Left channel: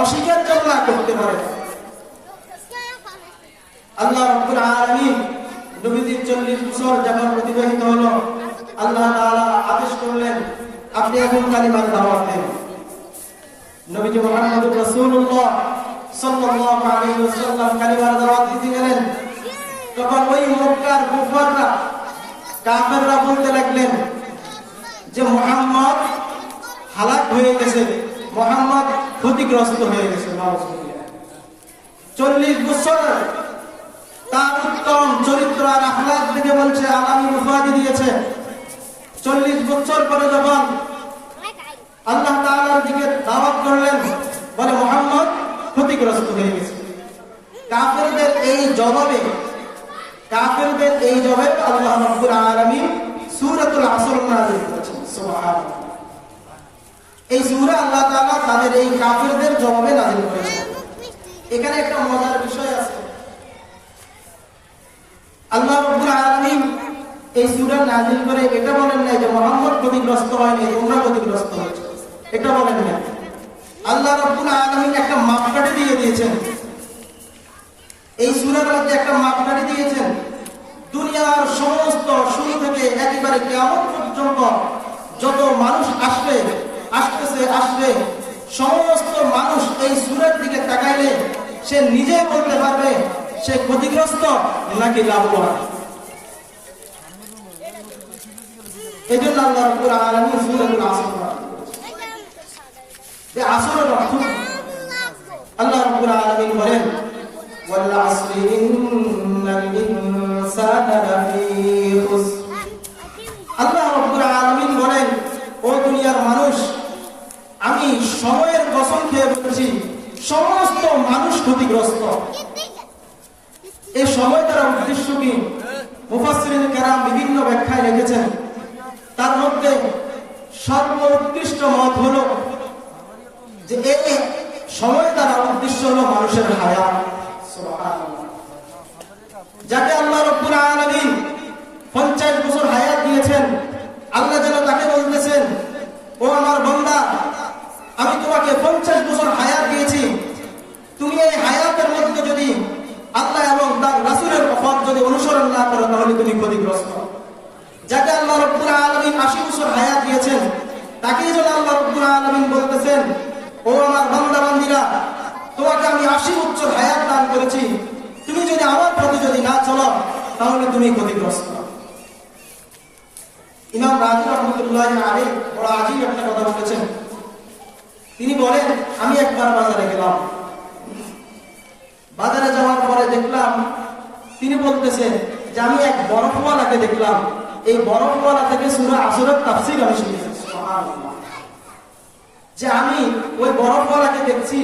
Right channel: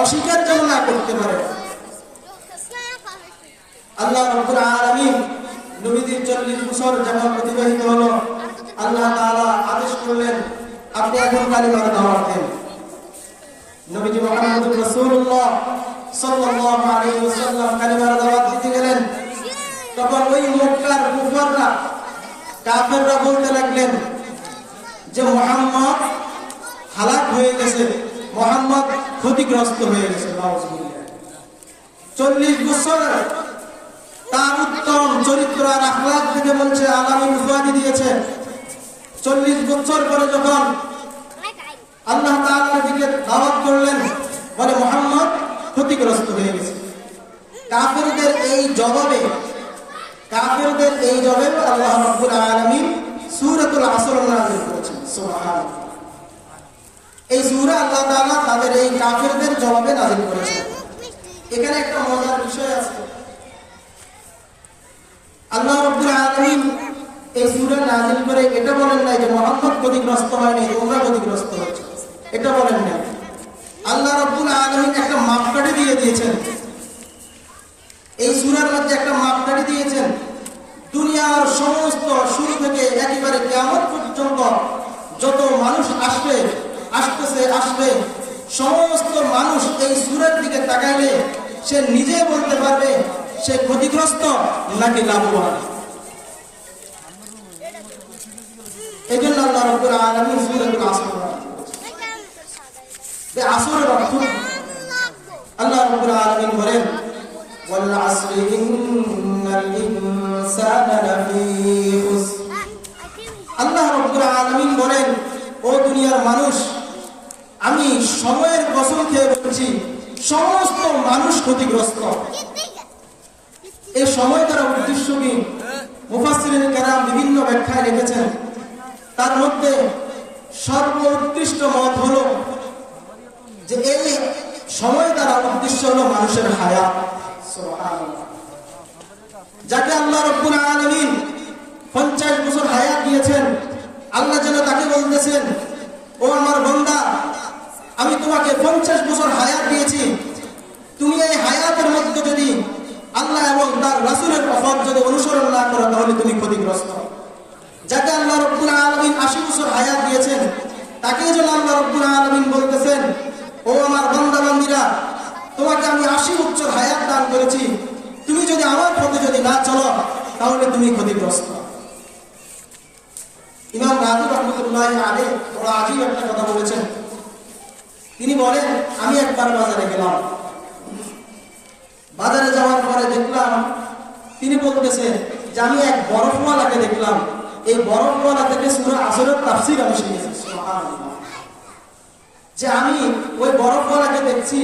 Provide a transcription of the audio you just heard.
অস্বীকার যেন না করতে পারে। আল্লাহ রাব্বুল আলামিন নবীজির 40 বছর যখন অতিবাহিত হলো, আল্লাহ তাআলা আদেশ করলেন আপনি এখন কালিমার দাওয়াত দেন। নবীজি মুহাম্মদুর রাসূলুল্লাহ সাল্লাল্লাহু আলাইহি ওয়াসাল্লাম কালিমার দাওয়াত দিতে গেলেন। তখন ওই মক্কার কুফাররা, কাফেররা বলতে লাগলেন যে মুহাম্মদ হালাক হয়ে গেছে, মুহাম্মদ ক্ষতিগ্রস্ত হয়ে গেছে। 40 বছর তার উত্তম চরিত্র আর আখলাক থেকে বলছে আলামুল উফাদি দিয়েছে। 40 বছর পরে যখন আল্লাহ তাআলার দিকে দাওয়াত করলেন, বলে মুহাম্মদ ক্ষতিগ্রস্ত হয়ে গেছে। কাফেরদের এই জবাবে আল্লাহ রাব্বুল আলামিন সূরাতুল আসর নাযিল করেছেন। সুবহানাল্লাহ। এই সূরা আল্লাহ তাআলা তাদের এই কাফেরদের জবাবে নাযিল করেছেন। এখানে একটা মজার বিষয় আছে। আল্লাহ রাব্বুল আলামিন এই সূরা নাযিল করে এটা বলেন নাই যে মুহাম্মদ ক্ষতিগ্রস্ত হয়নি, তোমরা ক্ষতিগ্রস্ত হয়েছে, এটা বলেন নাই। আল্লাহ রাব্বুল আলামিন একটা মাপকাঠি দিয়ে দিয়েছেন। এই সূরার মধ্যে একটা মাপকাঠি দিয়েছেন। দুনিয়ার সমস্ত শুরু থেকে একেবারে কিয়ামত পর্যন্ত যত মানুষ আসবে সমস্ত মানুষ এই সূরার দিকে তাকাইলে সে নিজে বলতে পারবে সে ক্ষতিগ্রস্ত নাকি লাভবান। এজন্য আল্লাহ রাব্বুল আলামিন সূরাতুল আসর এই আসরের অর্থ আল্লাহ রাব্বুল আলামিন বলেন ওয়াল আসরি ইন্নাল ইনসানা লাফী খুসর। আল্লাহ রাব্বুল আলামিন বলেন ও দুনিয়ার মানুষ, আমি সময়ের কসম খেয়ে বলছি সমস্ত মানুষ ক্ষতিগ্রস্ত। এই সময় দ্বারা উদ্দেশ্য কি? মুফাসসিরিন কেরাম বিভিন্ন ব্যাখ্যায় লিখেছেন। তার মধ্যে সর্বোৎকৃষ্ট মত হলো যে এই সময় দ্বারা উদ্দেশ্য হলো মানুষের হায়াত। সুবহানাল্লাহ। যাকে আল্লাহ রাব্বুল আলামিন 50 বছর হায়াত দিয়েছেন, আল্লাহ যেন তাকে বলতেছেন ও আমার বান্দা, আমি তোমাকে 50 বছর হায়াত দিয়েছি, তুমি এই হায়াতের মধ্যে যদি আল্লাহ এবং তার রাসূলের কথা যদি অনুসরণ না করো তাহলে তুমি ক্ষতিগ্রস্ত। যাকে আল্লাহ রাব্বুল আলামিন 80 বছর হায়াত দিয়েছেন, তাকেই যেন আল্লাহ রাব্বুল আলামিন বলতেছেন ও আমার বান্দা বান্দীরা, তোমাকে আমি 80 বছর হায়াত দান করেছি, তুমি যদি আমার পথে যদি না চলো তাহলে তুমি ক্ষতিগ্রস্ত। ইমাম রাজি রাহমাতুল্লাহি আলাইহি বড় আজীব একটা কথা বলেছেন। তিনি বলেন আমি একবার বাজারে গেলাম, বাজারে যাওয়ার পরে দেখলাম, তিনি বলতেছেন যে আমি এক বরফওয়ালাকে দেখলাম, এই বরফওয়ালা থেকে সূরা আসরের তাফসীর আমি শিখেছি। সুবহানাল্লাহ। যে আমি ওই বরফওয়ালাকে দেখছি